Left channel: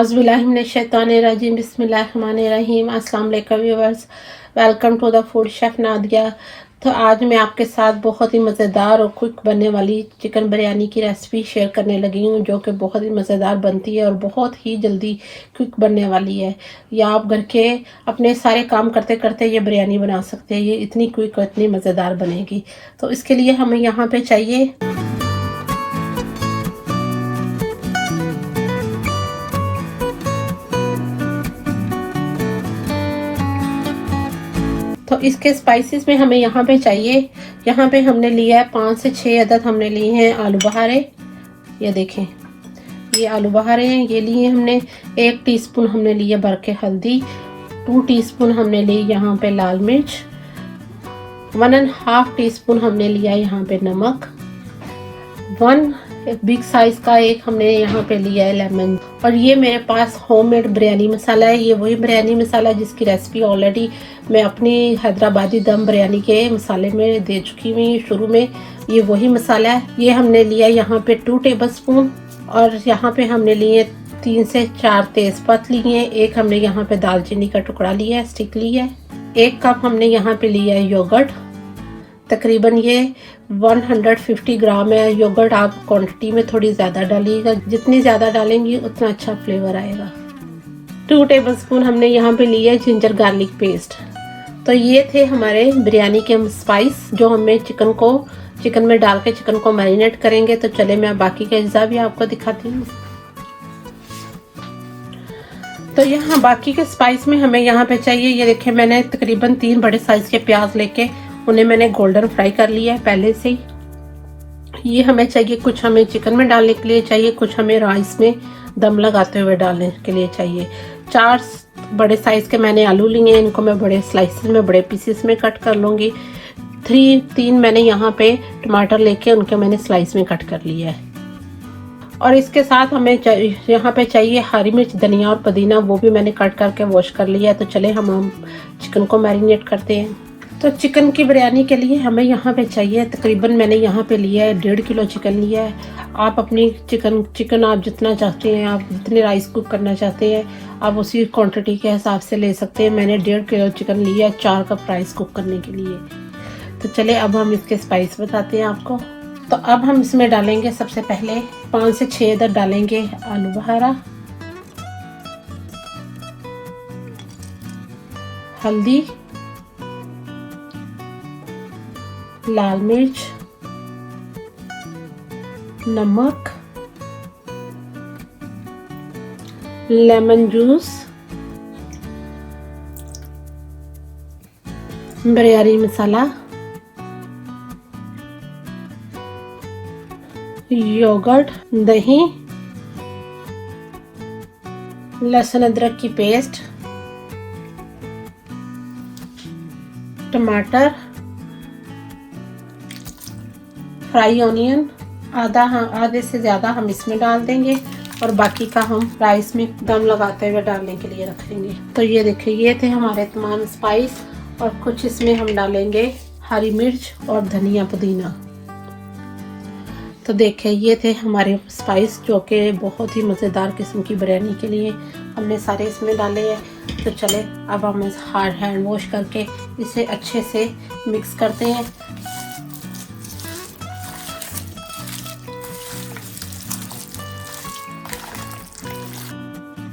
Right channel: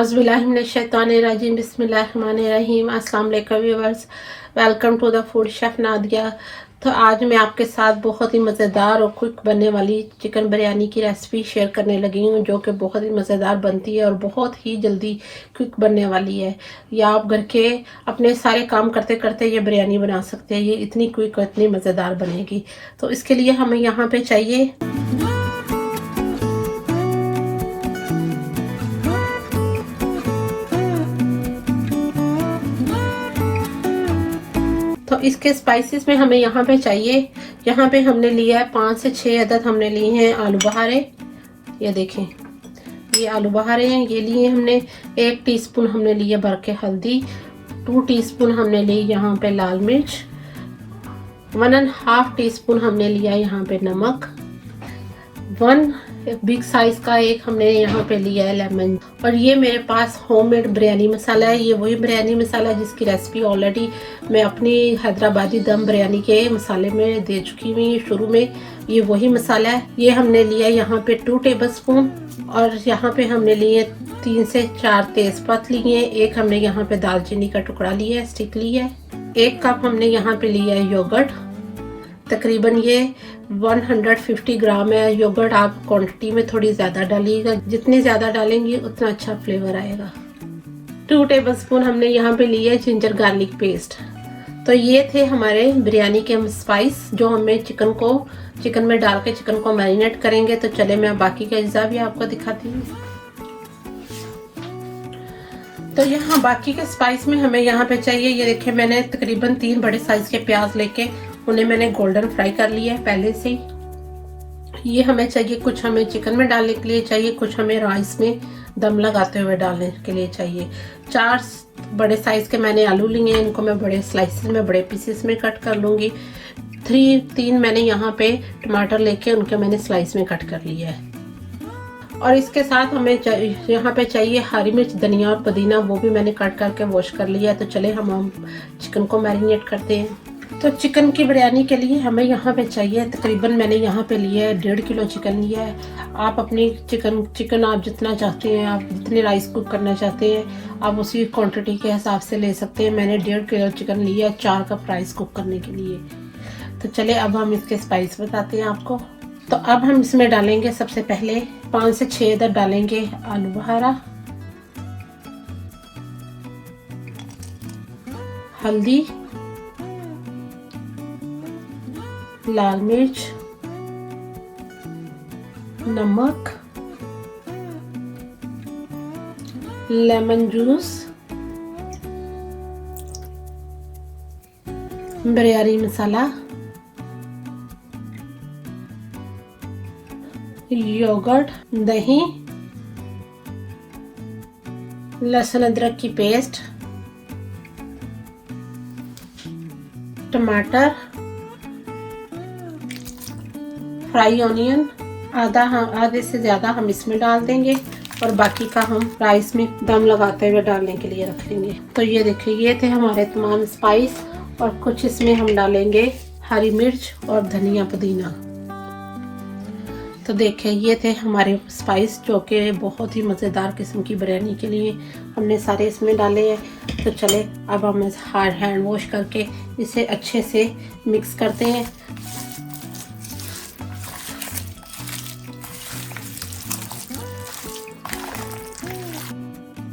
आज़बिल्लाहिमिनश्शैतानिर्रजीम बिस्मिल्लाहिर्रहमानिर्रहीम। अस्सलाम वालेकुम viewers, welcome to the food chef Nadia. तो आज मैं आपके साथ बहुत ही मज़ेदार और क्विक बनने वाली चिकन बिरयानी की रेसिपी शेयर करने लगी हूँ, जो कि बहुत ही मज़ेदार बनती है और बहुत ही जल्दी क्विक बनने वाली है। या आप घर के अपने सारे काम करते करते ये बिरयानी बना सकते हैं। ये इतनी क्विक और इतनी मज़ेदार बनेगी। तो इसके लिए हमें यहाँ पे चाहिए तो इसके स्पाइसेस में हमें यहाँ पे चाहिए, यहाँ पे हमने लिया है 5 से 6 अदद हमने लिए हैं आलू बहारे। ये देखें, ये आलू बहारे हैं, ये लिए हमने। 1 टीस्पून हमने लिए भर के हल्दी, 2 टीस्पून हमने ली यहाँ पे लाल मिर्च, 1.5 टीस्पून हमने लिया यहाँ पे नमक, 1 बिग साइज का एक हमने यहाँ पे लिया है लेमन। और ये मेरे पास होममेड बिरयानी मसाला है। ये वही बिरयानी मसाला जिसकी रेसिपी ऑलरेडी मैं अपनी हैदराबादी दम बिरयानी के मसाले में दे चुकी हुई शुरू में। ये वही मसाला है। ये हमने लिया यहाँ पे 2 टेबलस्पून। और यहाँ पे हमने लिए 3 से 4 तेज़पात लिए हैं। एक हमने यहाँ पे दालचीनी का टुकड़ा लिया है, स्टिक ली है। 1 कप हमने यहाँ पे लिया है योगर्ट, तकरीबन ये 150 ग्राम है। योगर्ट आप क्वांटिटी में थोड़ी ज़्यादा डालिएगा, जितनी ज़्यादा डालेंगी उतना अच्छा फ्लेवर आएगा। 2 टेबलस्पून हमने यहाँ पे लिया है जिंजर गार्लिक पेस्ट। तो ये थे हमारे बिरयानी के स्पाइस जो हमें चिकन में डाल के चिकन को मैरिनेट करेंगे। तो चले मैं बाकी का अज्जा भी आपको दिखाती हूँ। तो यहाँ बाकी के स्पाइस में हमें यहाँ पे चाहिए, ये देखिए मैंने तकरीबन 3 बड़े साइज के प्याज लेके उन्हें मैंने गोल्डन फ्राई कर लिया है पहले से ही। ये हमें चाहिए, कुछ हमें चिकन में डालने के लिए चाहिए, कुछ हमें राइस में दम लगाते हुए डालने के लिए चाहिए। 4 बड़े साइज के मैंने आलू लिए हैं, इनको मैं बड़े स्लाइसेस में, बड़े पीसेस में कट कर लूँगी। 3 मैंने यहाँ पे टमाटर लेके उनके मैंने स्लाइस में कट कर लिया है। और इसके साथ हमें यहाँ पे चाहिए हरी मिर्च, धनिया और पुदीना, वो भी मैंने कट करके वॉश कर लिया है। तो चले हम चिकन को मैरिनेट करते हैं। तो चिकन की बिरयानी के लिए हमें यहाँ पे चाहिए, तकरीबन मैंने यहाँ पे लिया है 1.5 किलो चिकन लिया है। आप अपनी चिकन आप जितना चाहते हैं, आप जितने राइस कुक करना चाहते हैं, आप उसी क्वांटिटी के हिसाब से ले सकते हैं। मैंने 1.5 किलो चिकन लिया है 4 कप राइस कुक करने के लिए। तो चले अब हम इसके स्पाइस बताते हैं आपको। तो अब हम इसमें डालेंगे, सबसे पहले 5 से 6 अदद डालेंगे आलू बहारा, हल्दी, लाल मिर्च, नमक, लेमन जूस, बिरयानी मसाला, योगर्ट, दही, लहसुन अदरक की पेस्ट, टमाटर, फ्राई ऑनियन, आधे से ज़्यादा हम इसमें डाल देंगे और बाकी का हम राइस में दम लगाते हुए डालने के लिए रख लेंगे। तो ये देखिए, ये थे हमारे तमाम स्पाइस। और कुछ इसमें हम डालेंगे हरी मिर्च और धनिया पुदीना। तो देखिए, ये थे हमारे स्पाइस जो कि बहुत ही मज़ेदार किस्म की बिरयानी के लिए हमने सारे इसमें डाले हैं। तो चले अब हम इस हैंड वॉश करके इसे अच्छे से मिक्स करते हैं।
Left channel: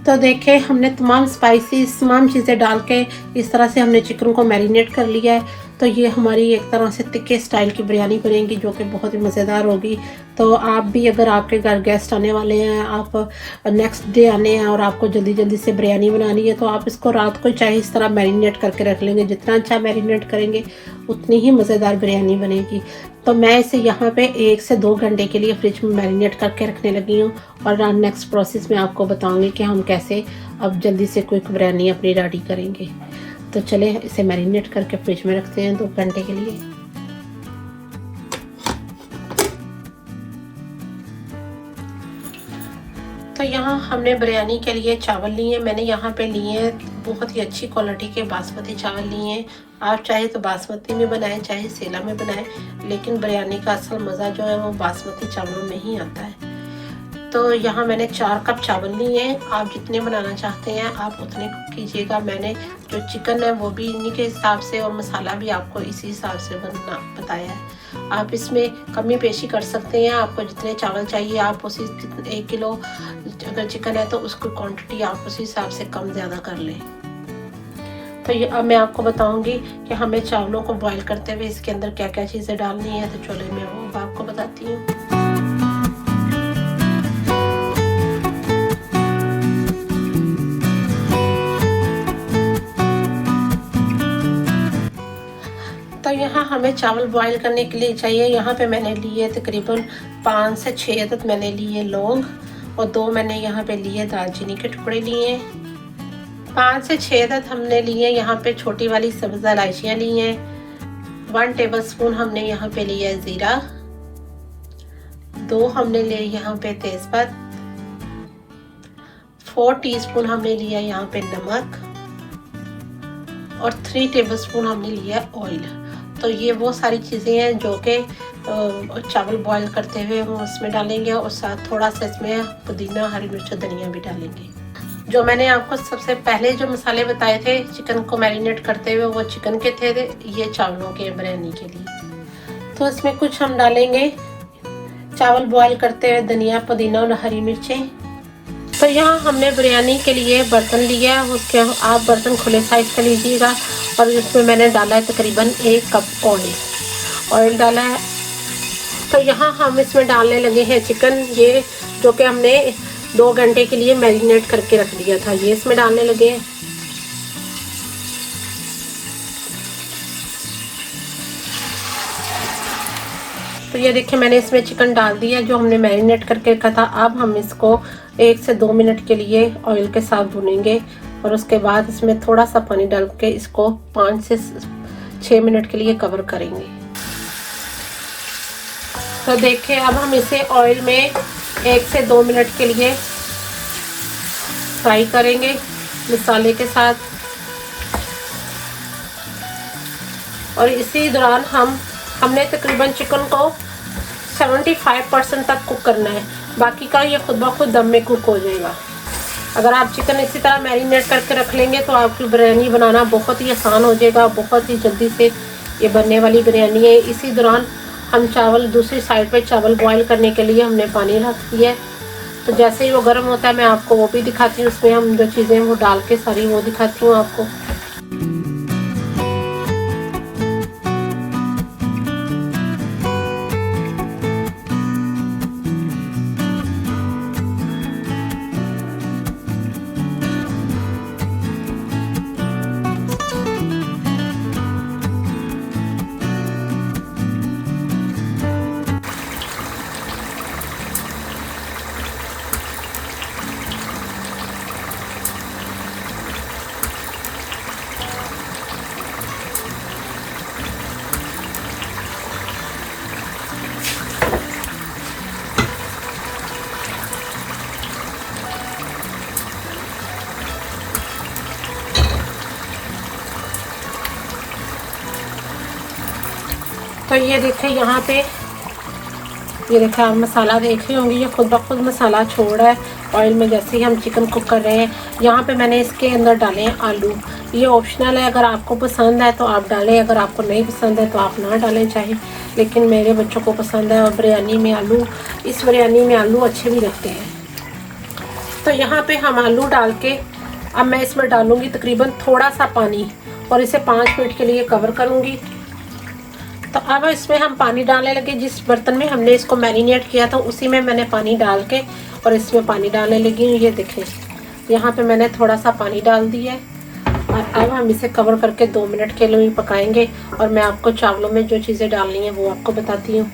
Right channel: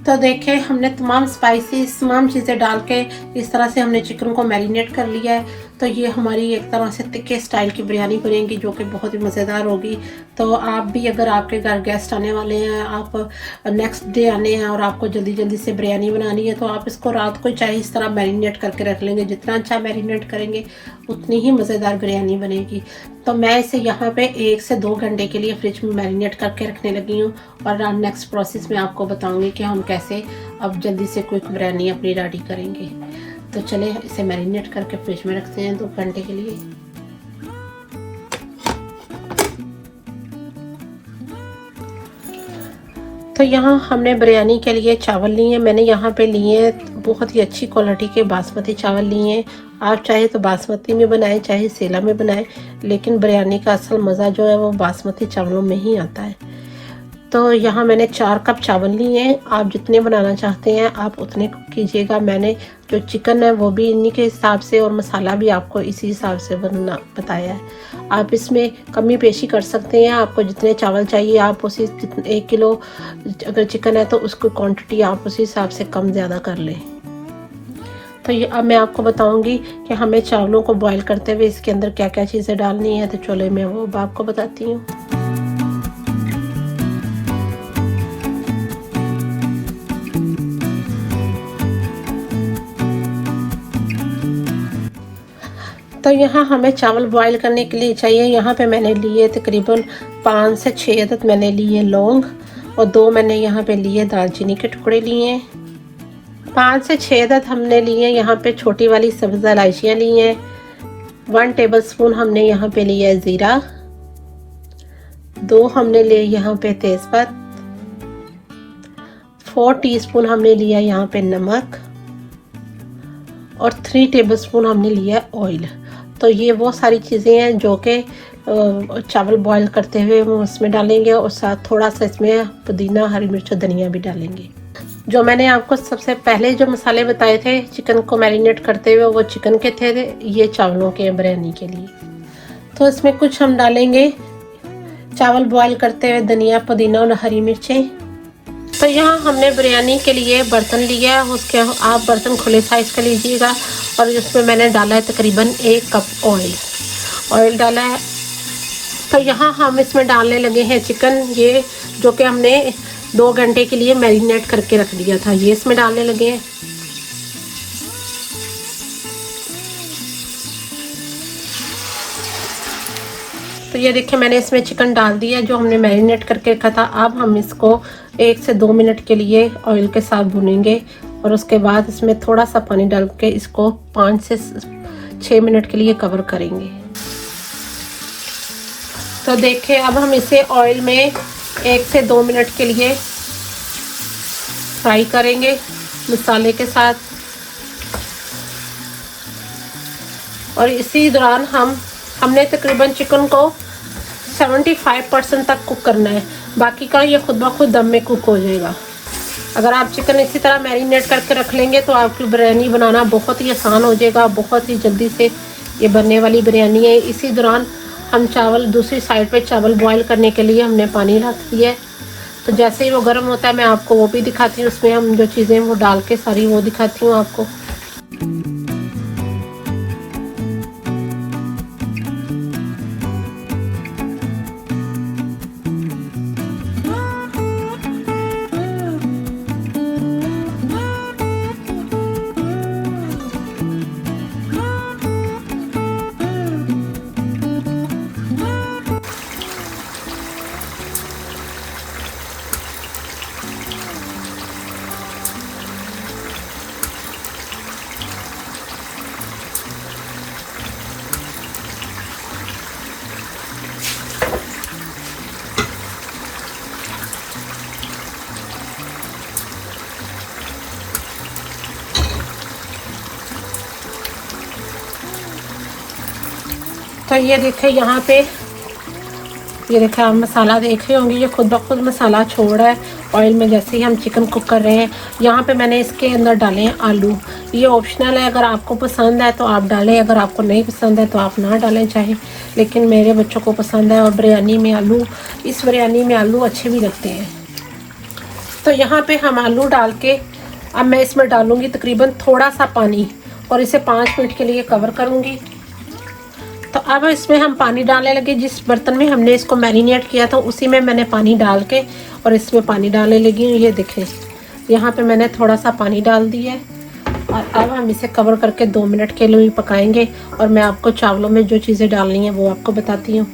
तो देखें, हमने तमाम स्पाइसेस, तमाम चीज़ें डाल के इस तरह से हमने चिकन को मैरिनेट कर लिया है। तो ये हमारी एक तरह से तिक्के स्टाइल की बिरयानी बनेगी जो कि बहुत ही मज़ेदार होगी। तो आप भी, अगर आपके घर गेस्ट आने वाले हैं, आप नेक्स्ट डे आने हैं और आपको जल्दी जल्दी से बिरयानी बनानी है, तो आप इसको रात को चाहे इस तरह मैरिनेट करके रख लेंगे। जितना अच्छा मैरिनेट करेंगे उतनी ही मज़ेदार बिरयानी बनेगी। तो मैं इसे यहाँ पे 1 से 2 घंटे के लिए फ्रिज में मैरिनेट करके रखने लगी हूँ। और नेक्स्ट प्रोसेस में आपको बताऊँगी कि हम कैसे अब जल्दी से क्विक बिरयानी अपनी रेडी करेंगे। तो चले इसे मैरिनेट करके फ्रिज में रखते हैं 2 घंटे के लिए। तो यहाँ हमने बिरयानी के लिए चावल लिए हैं। मैंने यहाँ पे लिए हैं बहुत ही अच्छी क्वालिटी के बासमती चावल लिए हैं। आप चाहे तो बासमती में बनाएं, चाहे सेला में बनाएं, लेकिन बिरयानी का असल मज़ा जो है वो बासमती चावलों में ही आता है। तो यहाँ मैंने 4 कप चावल लिए हैं। आप जितने बनाना चाहते हैं आप उतने कीजिएगा। मैंने जो चिकन है वो भी इन्हीं के हिसाब से और मसाला भी आपको इसी हिसाब से बनना बताया है। आप इसमें कमी पेशी कर सकते हैं। आपको जितने चावल चाहिए आप उसी 1 किलो अगर चिकन है तो उसको क्वांटिटी आप उसी हिसाब से कम ज़्यादा कर लें। तो ये अब मैं आपको बताऊंगी कि हमें चावलों को बॉईल करते हुए इसके अंदर क्या क्या चीज़ें डालनी है। तो चलो मैं वो आपको बताती हूँ। तो यहाँ हमें चावल बॉईल करने के लिए चाहिए। यहाँ पे मैंने लिए तकरीबन 5 से 6 अदद मैंने लिए लौंग और 2 मैंने यहाँ पे लिए दालचीनी के टुकड़े लिए हैं। 5 से 6 अदद हमने लिए यहाँ पे छोटी वाली सब्ज इलायचियाँ ली हैं। 1 टेबलस्पून हमने यहाँ पे लिया है ज़ीरा, 2 हमने लिए यहाँ पे तेज़पत्ता, 4 टीस्पून हमने लिया यहाँ पे नमक और 3 टेबलस्पून हमने लिया ऑयल। तो ये वो सारी चीज़ें हैं जो कि चावल बॉईल करते हुए वो उसमें डालेंगे और साथ थोड़ा सा इसमें पुदीना, हरी मिर्च और धनिया भी डालेंगे। जो मैंने आपको सबसे पहले जो मसाले बताए थे चिकन को मैरिनेट करते हुए वो चिकन के थे, ये चावलों के बिरयानी के लिए। तो इसमें कुछ हम डालेंगे चावल बॉईल करते हुए धनिया, पुदीना और हरी मिर्चें। तो यहाँ हमने बिरयानी के लिए बर्तन लिया है, उसके आप बर्तन खुले साइज का लीजिएगा और इसमें मैंने डाला है तकरीबन 1 कप ऑयल डाला है। तो यहाँ हम इसमें डालने लगे हैं चिकन, ये जो कि हमने 2 घंटे के लिए मैरिनेट करके रख दिया था, ये इसमें डालने लगे हैं। तो ये देखिए मैंने इसमें चिकन डाल दिया जो हमने मैरिनेट करके रखा था। अब हम इसको 1 से 2 मिनट के लिए ऑयल के साथ भूनेंगे और उसके बाद इसमें थोड़ा सा पानी डाल के इसको 5 से 6 मिनट के लिए कवर करेंगे। तो देखिए अब हम इसे ऑयल में 1 से 2 मिनट के लिए फ्राई करेंगे मसाले के साथ और इसी दौरान हमने तकरीबन चिकन को 75% तक कुक करना है, बाकी का ये खुद ब खुद दम में कुक हो जाएगा। अगर आप चिकन इसी तरह मैरिनेट करके रख लेंगे तो आपकी बिरयानी बनाना बहुत ही आसान हो जाएगा, बहुत ही जल्दी से ये बनने वाली बिरयानी है। इसी दौरान हम चावल दूसरी साइड पे चावल बॉईल करने के लिए हमने पानी रख दिया है। तो जैसे ही वो गर्म होता है मैं आपको वो भी दिखाती हूँ, उसमें हम जो चीज़ें वो डाल के सारी वो दिखाती हूँ आपको। तो ये देखिए यहाँ पे ये देखिए आप मसाला देख रहे होंगे, ये खुद ब खुद मसाला छोड़ रहा है ऑयल में जैसे ही हम चिकन कुक कर रहे हैं। यहाँ पे मैंने इसके अंदर डाले हैं आलू, ये ऑप्शनल है, अगर आपको पसंद है तो आप डालें, अगर आपको नहीं पसंद है तो आप ना डालें चाहे, लेकिन मेरे बच्चों को पसंद है और बिरयानी में आलू, इस बिरयानी में आलू अच्छे भी लगते हैं। तो यहाँ पे हम आलू डाल के अब मैं इसमें डालूँगी तकरीबन थोड़ा सा पानी और इसे 5 मिनट के लिए कवर करूँगी। तो अब इसमें हम पानी डालने लगे, जिस बर्तन में हमने इसको मैरिनेट किया था उसी में मैंने पानी डाल के और इसमें पानी डालने लगी। ये देखें यहाँ पे मैंने थोड़ा सा पानी डाल दिया है और अब हम इसे कवर करके 2 मिनट के लिए पकाएंगे और मैं आपको चावलों में जो चीज़ें डालनी है वो आपको बताती हूँ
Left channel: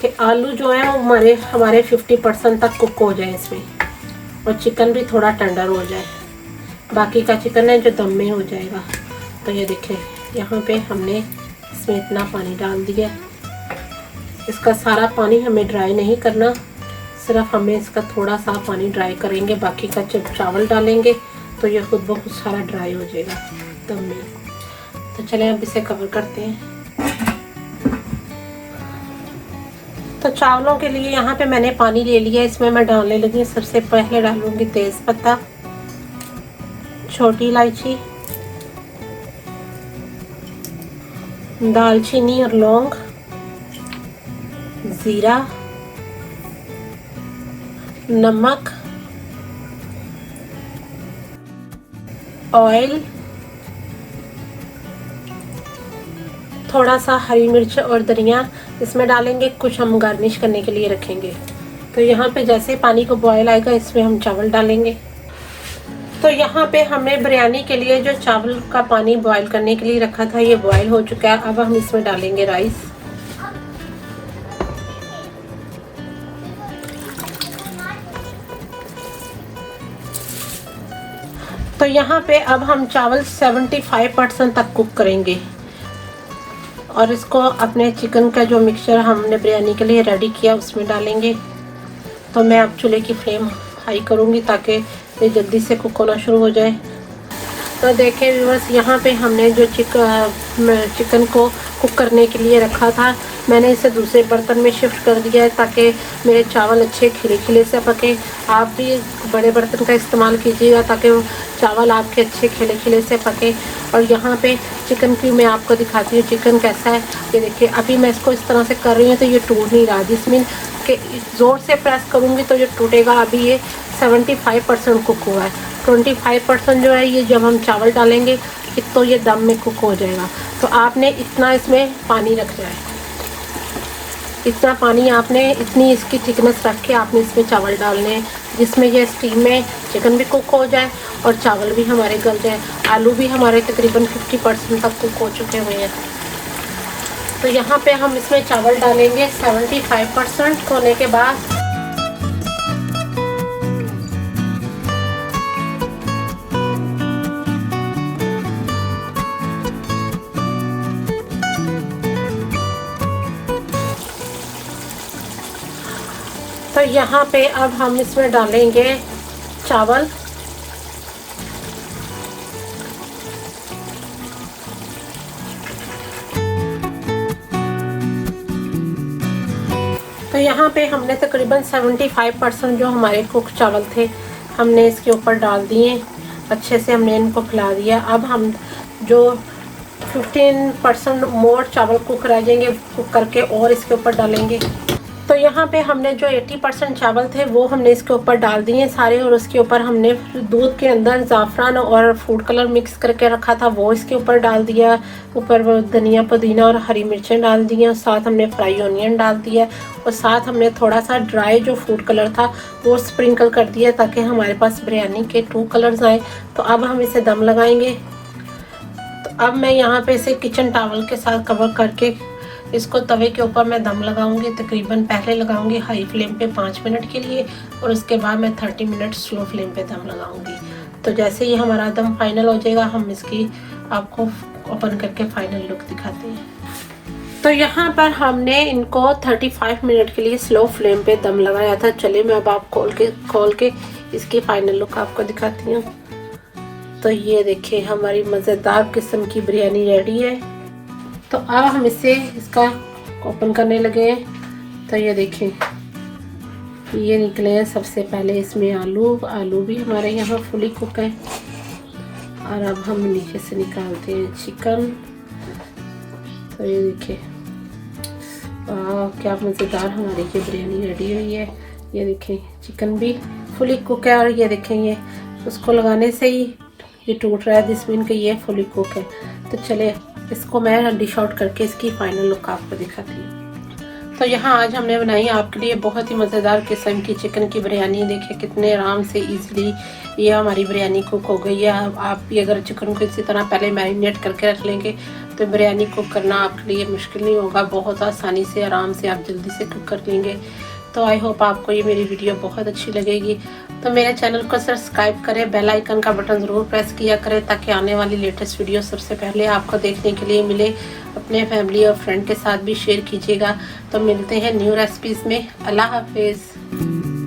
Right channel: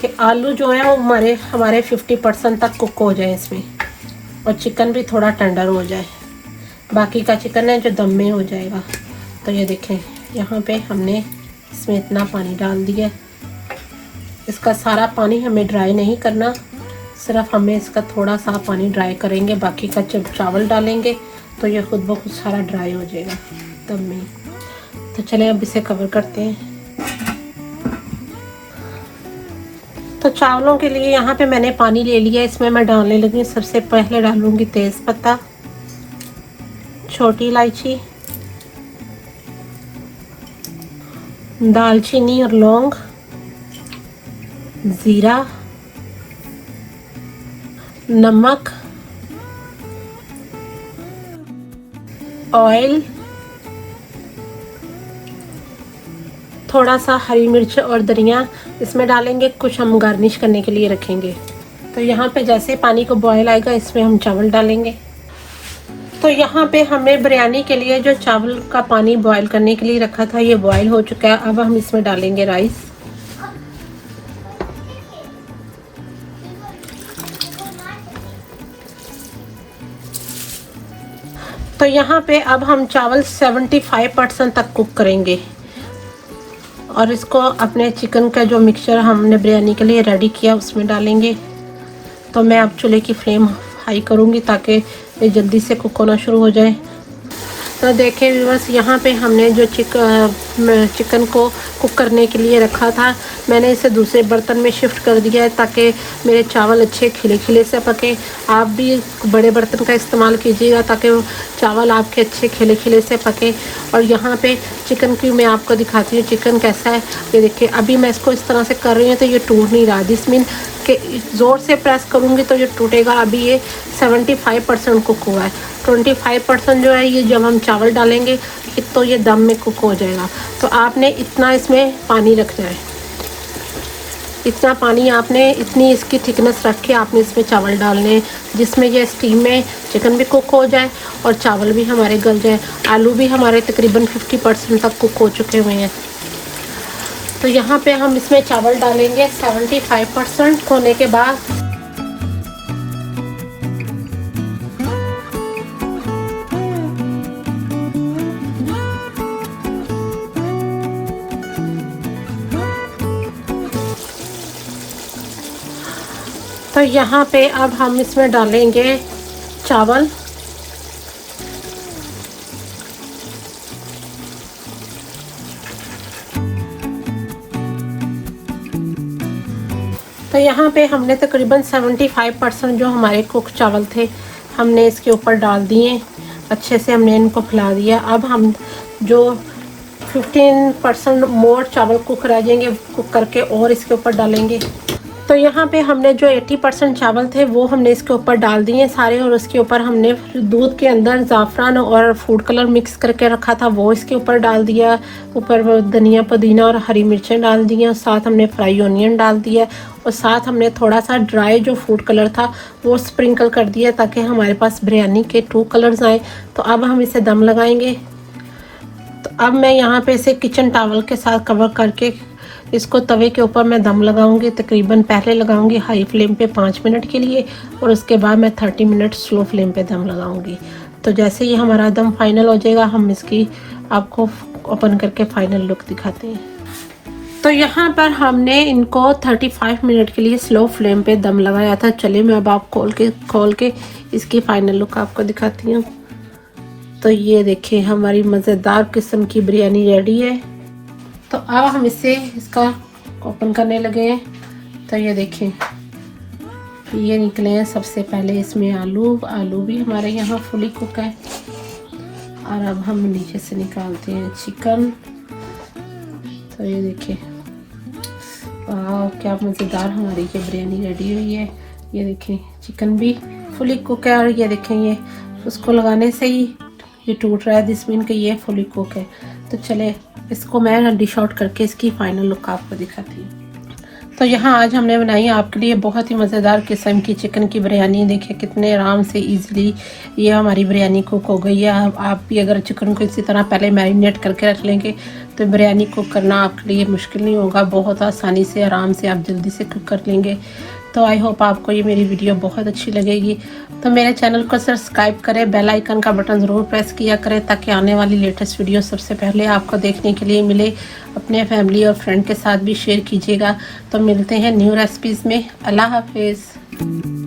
कि आलू जो है वो हमारे 50% तक कुक हो जाए इसमें और चिकन भी थोड़ा टेंडर हो जाए, बाकी का चिकन है जो दम में हो जाएगा। तो ये देखें यहाँ पे हमने इसमें इतना पानी डाल दिया, इसका सारा पानी हमें ड्राई नहीं करना, सिर्फ हमें इसका थोड़ा सा पानी ड्राई करेंगे, बाकी का जब चावल डालेंगे तो ये खुद ब खुद सारा ड्राई हो जाएगा दम में। तो चलें अब इसे कवर करते हैं। तो चावलों के लिए यहाँ पे मैंने पानी ले लिया, इसमें मैं डालने लगी। सबसे पहले डालूंगी तेज पत्ता, छोटी इलायची, दालचीनी और लौंग, जीरा, नमक, ऑयल, थोड़ा सा हरी मिर्च और धनिया इसमें डालेंगे। कुछ हम गार्निश करने के लिए रखेंगे। तो यहाँ पे जैसे पानी को बॉयल आएगा इसमें हम चावल डालेंगे। तो यहाँ पे हमने बिरयानी के लिए जो चावल का पानी बॉयल करने के लिए रखा था ये बॉयल हो चुका है। अब हम इसमें डालेंगे राइस। तो यहाँ पे अब हम चावल 75% तक कुक करेंगे और इसको अपने चिकन का जो मिक्सचर हमने बिरयानी के लिए रेडी किया उसमें डालेंगे। तो मैं अब चूल्हे की फ्लेम हाई करूँगी ताकि ये जल्दी से कुक होना शुरू हो जाए। तो देखें बस यहाँ पे हमने जो चिकन को कुक करने के लिए रखा था मैंने इसे दूसरे बर्तन में शिफ्ट कर दिया है ताकि मेरे चावल अच्छे खिले खिले से पके। आप भी बड़े बर्तन का इस्तेमाल कीजिएगा ताकि चावल आपके अच्छे खिले खिले से पके। और यहाँ पे चिकन की मैं आपको दिखाती हूँ चिकन कैसा है। ये देखिए अभी मैं इसको इस तरह से कर रही हूँ तो ये टूट नहीं रहा, जिसमें कि ज़ोर से प्रेस करूँगी तो ये टूटेगा। अभी ये 75% कुक हुआ है। 25% जो है ये जब हम चावल डालेंगे तो ये दम में कुक हो जाएगा। तो आपने इतना इसमें पानी रखना है, इतना पानी आपने, इतनी इसकी थिकनेस रख के आपने इसमें चावल डालने जिसमें ये स्टीम में चिकन भी कुक हो जाए और चावल भी हमारे गल जाए। आलू भी हमारे तकरीबन 50% तक कुक हो चुके हुए हैं। तो यहाँ पे हम इसमें चावल डालेंगे 75% होने के बाद। तो यहाँ पे अब हम इसमें डालेंगे चावल। तो यहाँ पे हमने तकरीबन 75% जो हमारे कुक चावल थे हमने इसके ऊपर डाल दिए। अच्छे से हमने इनको फैला दिया। अब हम जो 15% मोर चावल कुक रह जाएंगे कुक करके और इसके ऊपर डालेंगे। तो यहाँ पे हमने जो 80% चावल थे वो हमने इसके ऊपर डाल दिए सारे और उसके ऊपर हमने दूध के अंदर ज़ाफ़रान और फूड कलर मिक्स करके रखा था वो इसके ऊपर डाल दिया। ऊपर में धनिया पुदीना और हरी मिर्चें डाल दी, साथ हमने फ्राई ऑनियन डाल दिया और साथ हमने थोड़ा सा ड्राई जो फूड कलर था वो स्प्रिंकल कर दिया ताकि हमारे पास बिरयानी के 2 कलर्स आए। तो अब हम इसे दम लगाएंगे। तो अब मैं यहाँ पे इसे किचन टॉवल के साथ कवर करके इसको तवे के ऊपर मैं दम लगाऊंगी। तकरीबन पहले लगाऊंगी हाई फ्लेम पे 5 मिनट के लिए और उसके बाद मैं 30 मिनट स्लो फ्लेम पे दम लगाऊंगी। तो जैसे ही हमारा दम फाइनल हो जाएगा हम इसकी आपको ओपन करके फाइनल लुक दिखाते हैं। तो यहाँ पर हमने इनको 35 मिनट के लिए स्लो फ्लेम पे दम लगाया था। चलिए मैं अब आप खोल के इसकी फाइनल लुक आपको दिखाती हूँ। तो ये देखिए हमारी मज़ेदार किस्म की बिरयानी रेडी है। तो अब हम इसका ओपन करने लगे। तो ये देखिए ये निकले हैं सबसे पहले इसमें आलू भी हमारे यहाँ फुली कुक है। और अब हम नीचे से निकालते हैं चिकन। तो ये देखिए क्या मज़ेदार हमारी ये बिरयानी रेडी हुई है। ये देखिए चिकन भी फुली कुक है और ये देखें ये उसको लगाने से ही ये टूट रहा है, दिस मीन कि ये फुली कुक है। तो चले इसको मैं डिश आउट करके इसकी फाइनल लुक आपको दिखाती हूँ। तो यहाँ आज हमने बनाई आपके लिए बहुत ही मज़ेदार किस्म की चिकन की बिरयानी। देखिए कितने आराम से इजीली ये हमारी बिरयानी कुक हो गई है। आप भी अगर चिकन को इसी तरह पहले मैरिनेट करके रख लेंगे तो बिरयानी कुक करना आपके लिए मुश्किल नहीं होगा। बहुत आसानी से आराम से आप जल्दी से कुक कर लेंगे। तो आई होप आपको ये मेरी वीडियो बहुत अच्छी लगेगी। तो मेरे चैनल को सब्सक्राइब करें, बेल आइकन का बटन ज़रूर प्रेस किया करें ताकि आने वाली लेटेस्ट वीडियो सबसे पहले आपको देखने के लिए मिले। अपने फैमिली और फ्रेंड के साथ भी शेयर कीजिएगा। तो मिलते हैं न्यू रेसिपीज़ में। अल्लाह हाफिज़।